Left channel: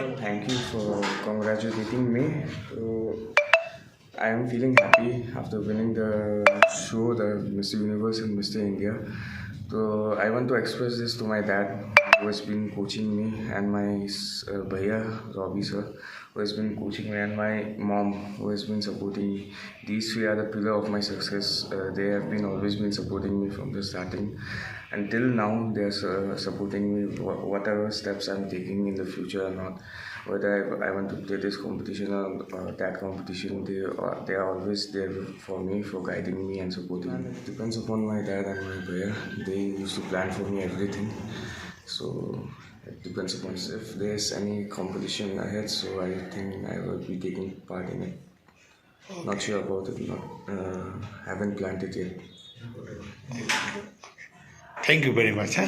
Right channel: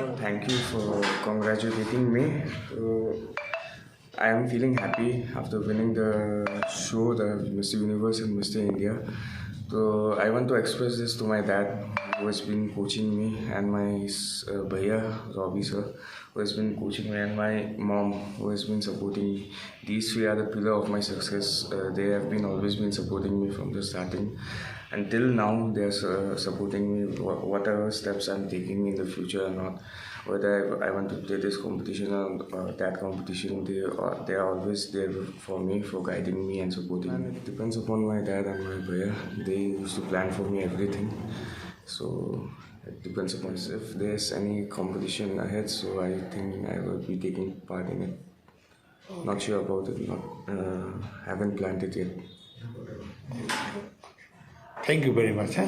Well, thank you for congratulating me. I am feeling happy after winning the show, the Mr. Universe and Mr. India. So I want to express this to my dad, who has been coaching me, and my bhaiya, Robbie sir, who has been coaching me, and my mom, who has been supporting me. These three are the pillar of my success. They have been always been supporting me from the starting. Until now, they are supporting me whatever steps I'm taking in the future or not. Whether I want to play this competition or that competition, they are always there for me, for guiding me and supporting me. It depends upon my dad and my brother. They used to plan for me everything. So it depends upon if there's any competition ahead. So I think I will be taking part in it. Not sure about it. Not haven't planned it yet. Thank you very much. Huh?